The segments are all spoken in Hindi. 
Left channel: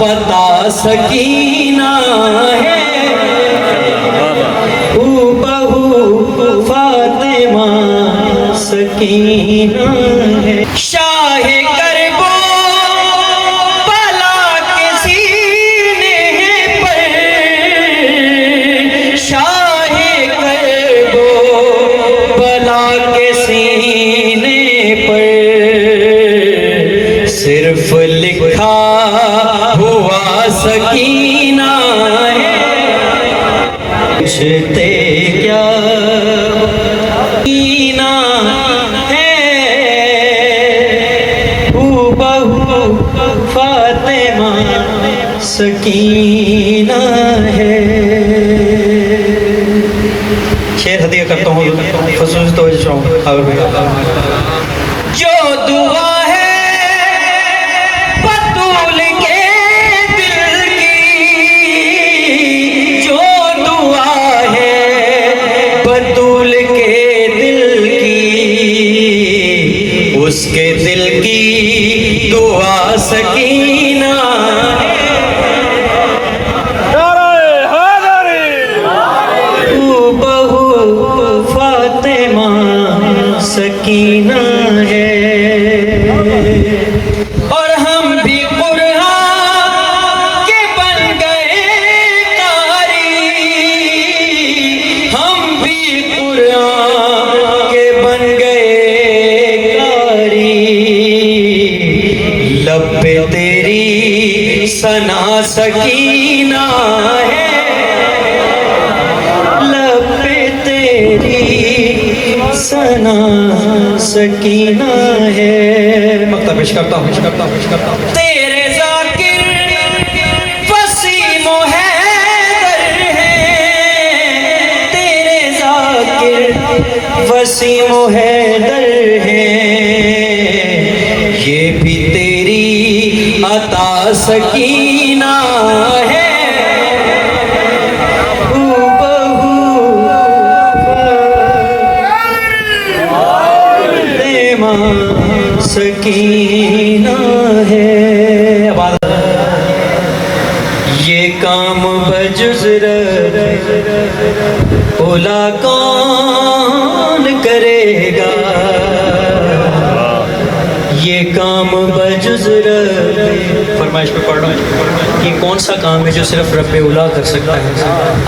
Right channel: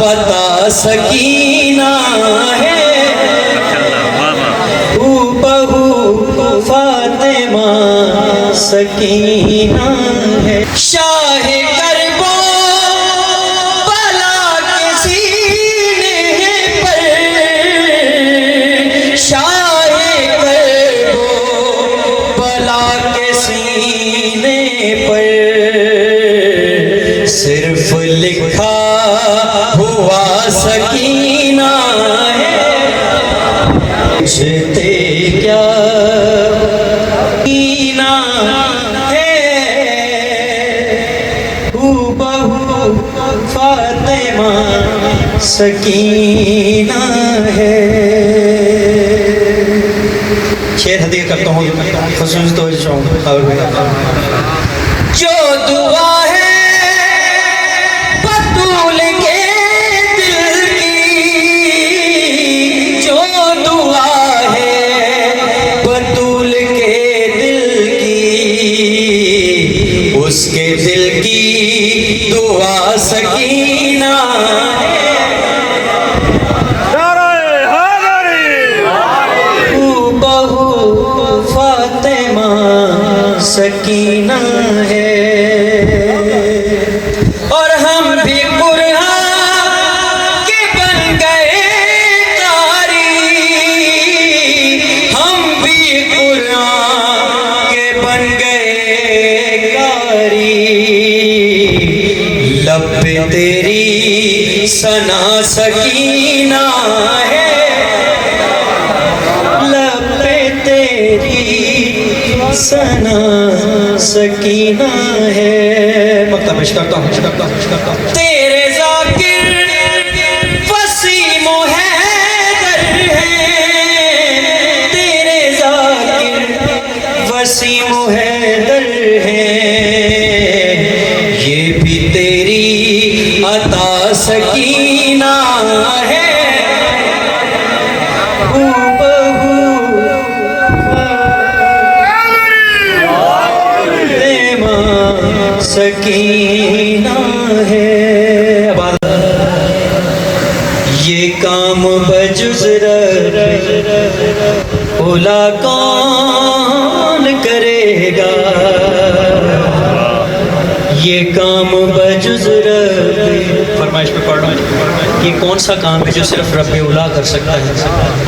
पता सकीना है, फातिमा सकीना है। शाहे करबो बला के सीने पर, शाहे करबो बला के सीने पर सिर्फ लिखा हुआ सकीना है। पूछते क्या सकीना है, हूबहू फातिमा सकीना है। शेर हदिया करता हूँ खुसूस तो जो दुआ है बतूल के दिल की, जो दुआ है बतूल के दिल की, उसके दिल की दुआ सकीना है। हूबहू फातिमा सकीना है। और हम भी कुरान के बन गए कारी, हम भी कुरान के बन गए कारी। लब पे तेरी सना सकीना है, लब पे तेरी सना सकीना है। मक्ता पेश करता हूँ तेरे ज़ाकिर वसीमो हैदर हैं, तेरे ज़ाकिर वसीमो हैदर हैं, ये भी तेरी अता सकीना है। हूबहू फातिमा सकीना है। ये काम बजुज़ उला कौन करेगा, ये काम बजुज़ फरमाइश पे पढ़ रहा हूँ। ये कौन सा काम है जो सिर्फ रब्बे उला कर सकता है?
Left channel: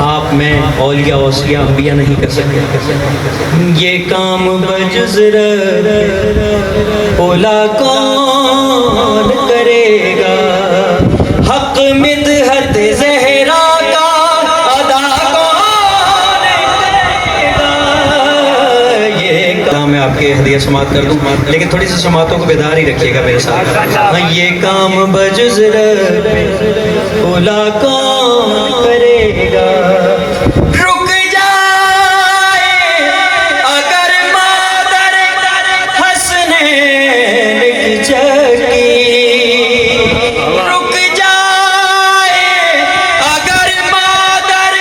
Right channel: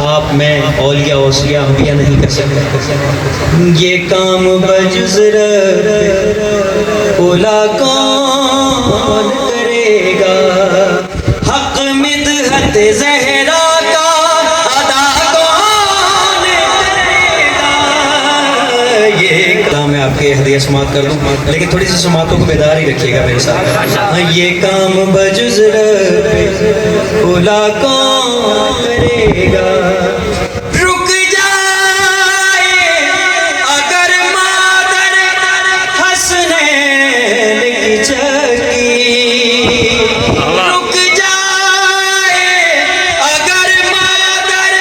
आप, मैं, औलिया औसिया अंबिया नहीं कर सकते। ये काम बजुज़ उला कौन करेगा, हक मिदहत ज़हरा का अदा कौन करेगा। ये काम मैं आपके हदिया समात कर दूँ, लेकिन थोड़ी सी समातों को बेदार ही रखिएगा मेरे साथ। हाँ, ये काम बजुज़ उला कौन करेगा। रुक जाए अगर मादर हसनैन की चकी, रुक जाए अगर मादर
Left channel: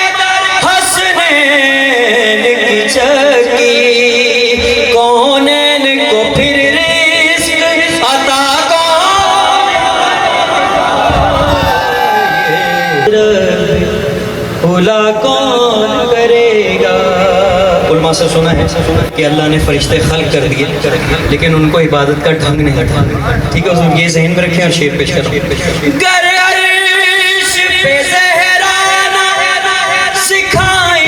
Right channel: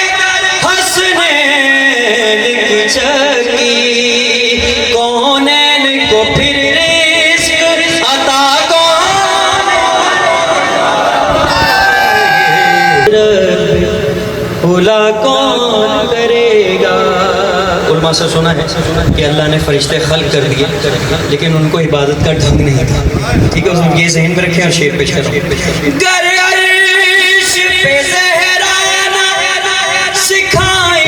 हसनैन की चकी, कौनैन को फिर रिज़्क़ अता उला कौन करेगा। उलमा से सुना है कि अल्लाह ने फरिश्ते खल्क कर दिए, लेकिन उनको इबादत का ढंग नहीं था। ठीक है, ये ज़हन में रखें और शेर पेश करें। अर्श पे ज़हरा सिखाए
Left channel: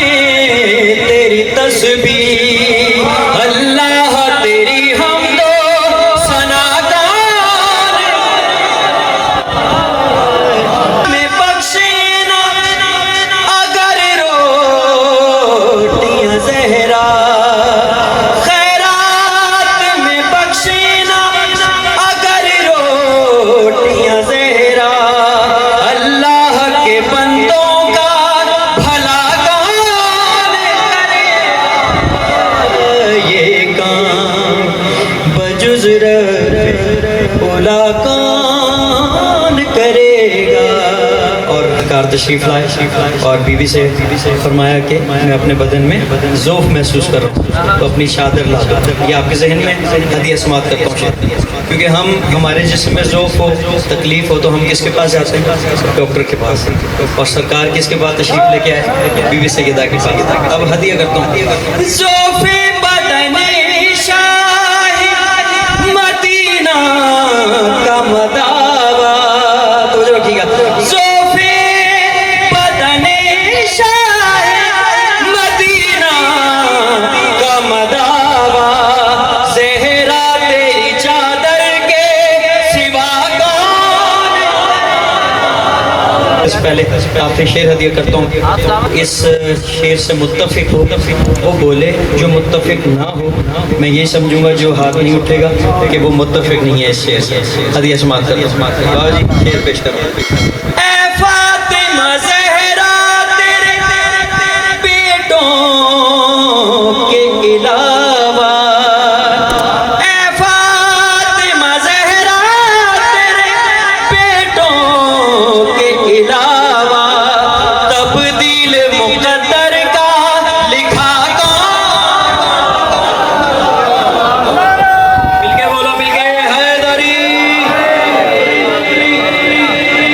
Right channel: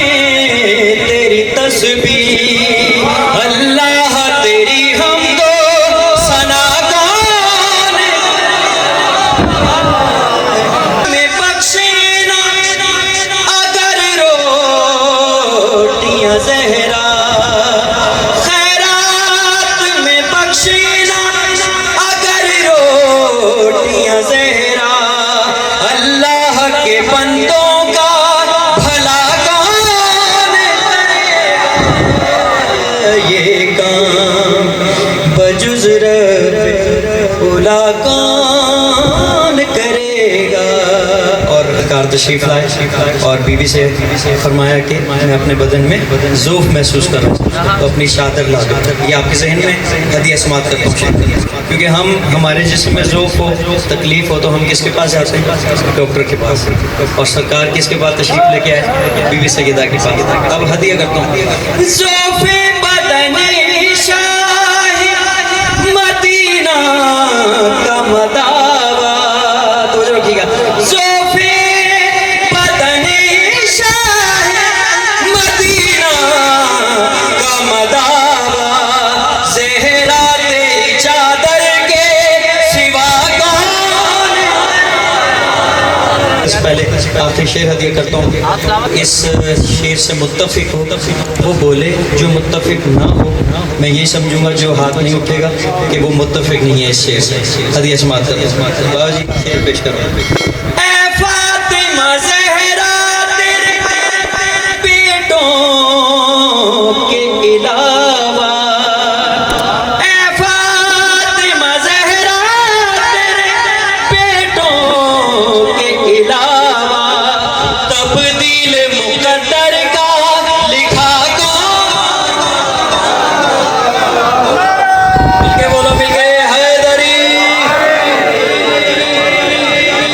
तेरी तस्बीह, अल्लाह तेरी हमदो सना कौन में बख्शीना अगर रोटियां ज़हरा, खैरात में बख्शीना अगर रोटियां ज़हरा, तशरीफ़ लाए और बीवी से फरमाया कि मैं अपने बदन में ज़ौफ़ महसूस कर रहा हूँ, तो अपनी चादर ला दो। ये आपके जहन में हदिया समात करता हूँ, क्योंकि हमारे जिस्म में ज़ौफ़ हो, तकलीफ़ हो, तो हम किसके पास जाते हैं? डॉक्टर के पास। और सरकार किसके पास तशरीफ़ लेके आए? बीवी सैयदा के पास। अब हदिया करता हूँ, ज़ौफ़े बदने शाही मदीना का मदावा। तो जो रखिएगा, ज़ौफ़े बदने शाही मदीना का मदावा, ज़हरा तेरी चादर के सिवा कौन। इस पहले आपसे शेर हदिया करता हूँ। इस शेर से मुत्तफिक हो वो बोले, जो मुत्तफिक ना हो मैं ये समझूंगा जो हाथ नहीं उठेगा कि वो मुत्तफिक नहीं है इस शेर से। हदिया समात कर बाबा जी, शेर पेश करो। ऐ फातिमा ज़हरा तेरे बेटों के अलावा, ऐ फातिमा ज़हरा तेरे बेटों के अलावा, तब्दील मुक़द्दर का लिखा कौन। मिलके बोलो, मिलके हैदरी।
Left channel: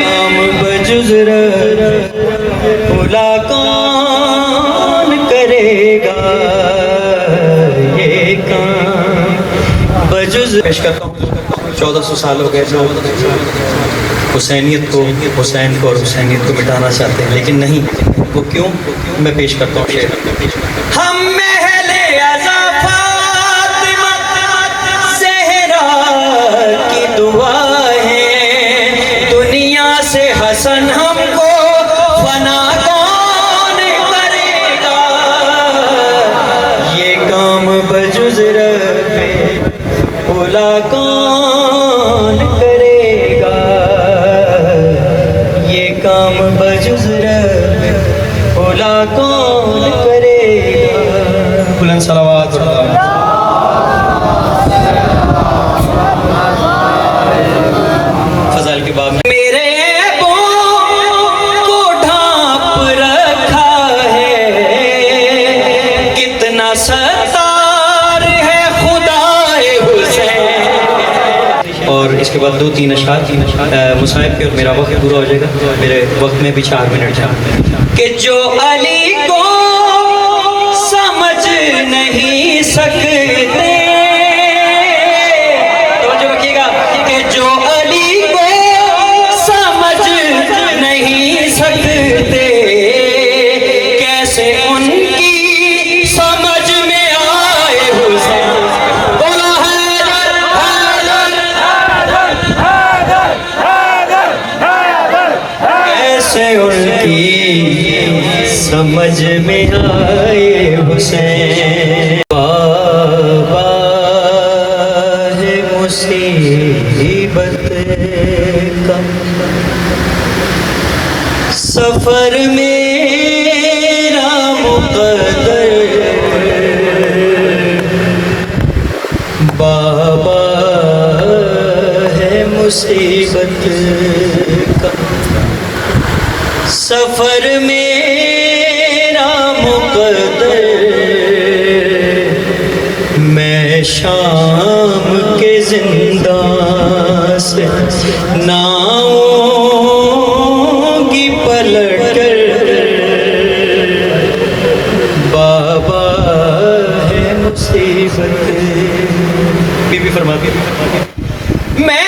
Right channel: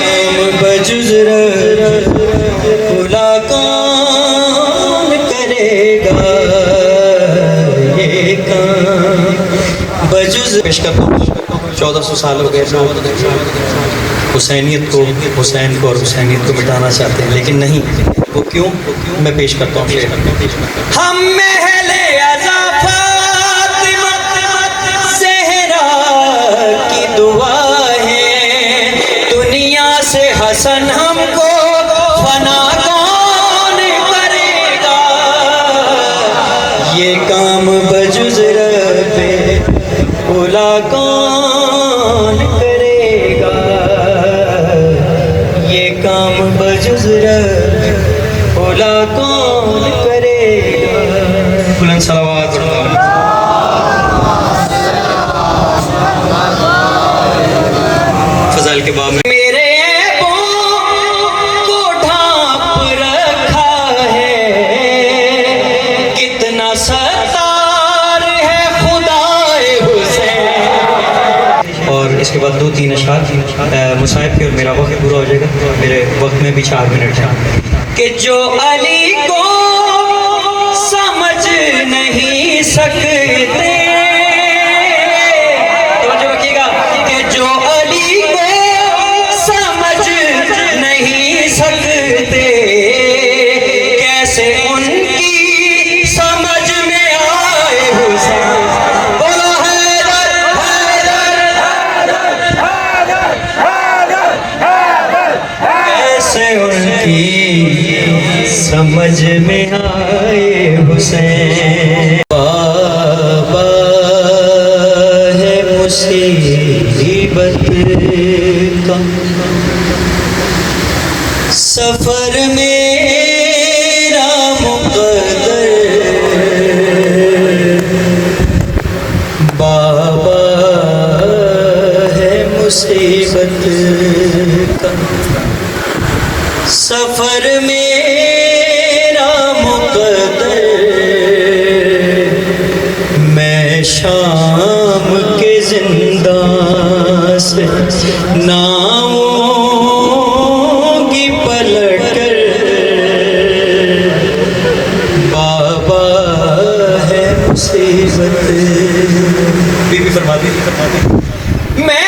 काम बजुज़ भुला कौन करेगा ये काम बजुज़। पेश करता हूँ। 1400 साल हो गए लोग हुसैनियत को, हुसैन को और हुसैनियत को मिटाना चाहते हैं, लेकिन नहीं। वो क्यों? मैं पेश करता हूँ शेर। हम महले आज़ा फातिमा ज़हरा की दुआ है, दुनिया से हसन हमको फना कौन करेगा, ये काम बजुज़ रब्बे औला कौन करेगा, ये काम बजुज़ रब्बे औला कौन करेगा। बुलंद सलावत। फज़ल के बाब में मेरे को ढांप रखा है, कितना सत्तार है खुदाए हुसैन। और इसके बाद 2-3 अशआर मुसाहिब के, और मेरा वक्त पूरा हो जाएगा। मेरे वक्त में भी 4 मिनट है। कि जो अली को समझ नहीं सकते, तो जो रखिएगा, कि जो अली को समझ नहीं सकते, कैसे उनकी समझ में आए हुसैन। बोलो हैदर, हैदर, कैसे उनकी समझ में आए हुसैन। बाबा है मुसीबत का सफर मेरा मुक़द्दर, बाबा है मुसीबत का सफर मेरा मुक़द्दर, मैं शाम के जिंदा से नाऊंगी पलट, बाबा है मुसीबत। बीबी फरमाती मैं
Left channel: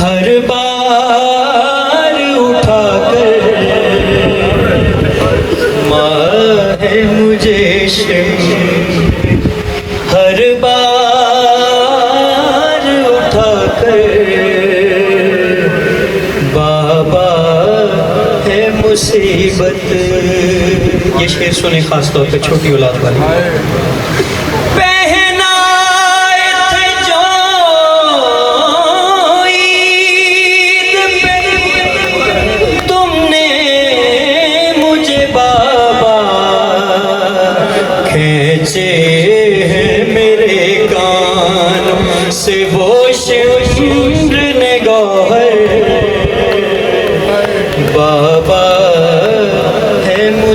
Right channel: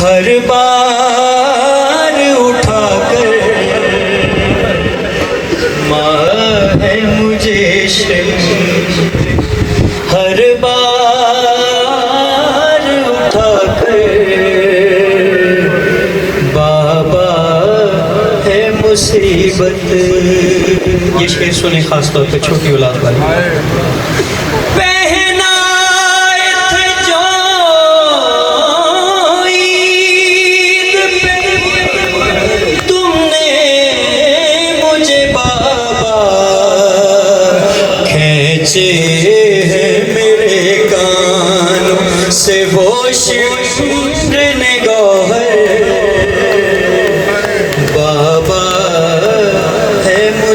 हर बार उठाकर, माँ है मुझे हर बार उठाकर, बाबा है मुसीबत। ये शेर सुने खास तौर पे छोटी औलाद वाले।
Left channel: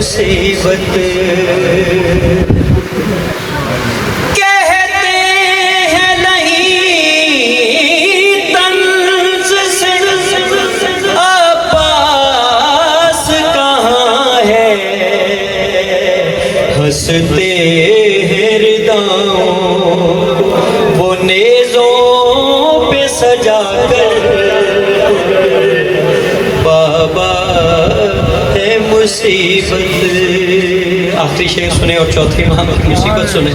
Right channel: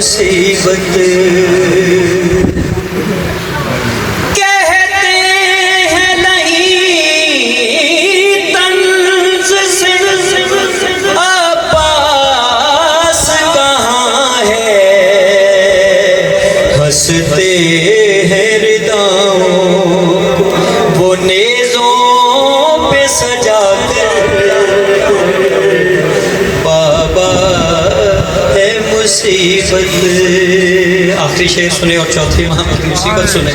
मुसीबत। कहते हैं नहीं तंज से अब्बास कहाँ है, हंसते हैं रिदाओं वो नेज़ों पे सजा कर, बाबा है मुसीबत। आखिरी शेर सुने और चौथी माह की मुसीबत सुने।